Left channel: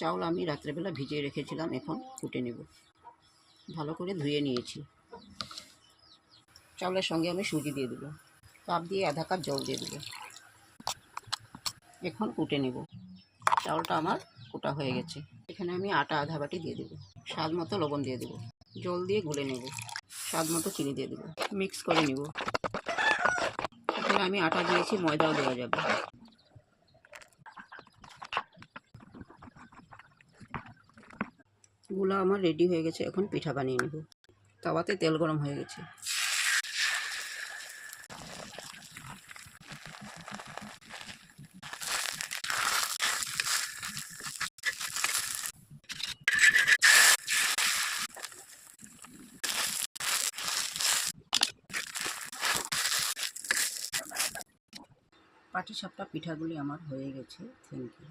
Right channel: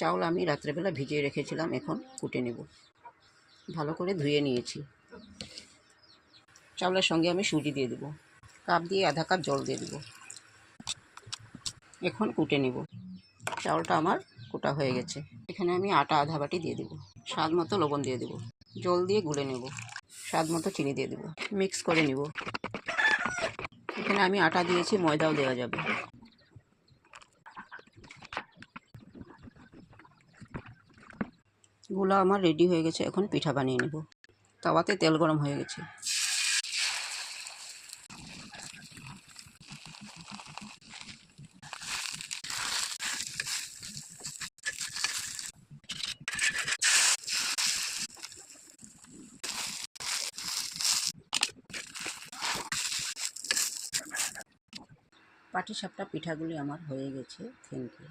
চাউল আমি রাত্রেবেলা ভিজিয়ে রেখেছিলাম, এখন কুটে নেব। ভালো করে ধুয়ে নিয়েছি। চাউলের সঙ্গে আমি সুজি দিয়ে দেবো, কাপ দিয়ে আধা কাপ জল দিয়ে দেবো। এখন কুটে নেব। চাউলটা আমার কুটা হয়ে গেছে। এখানে আমি আটা আধা বাটি দিয়ে দেবো। স্বাদ মতো লবণ দিয়ে দেবো। জল দিয়ে গুলে নেব। স্বাদ মতো চিনি দিয়ে দেবো। মিক্স করে নেব। এখানে আমি আটা দিয়েছি, ময়দাও দেওয়া যাবে। গুলা আমার রেডি হয়ে গেছে। এখন পিঠা বানিয়ে নেব। তাওয়াতে তেল গরম হয়ে গেছে। পাটিসাপটা পিঠাগুলি আমার হয়ে গেছে। Thank you.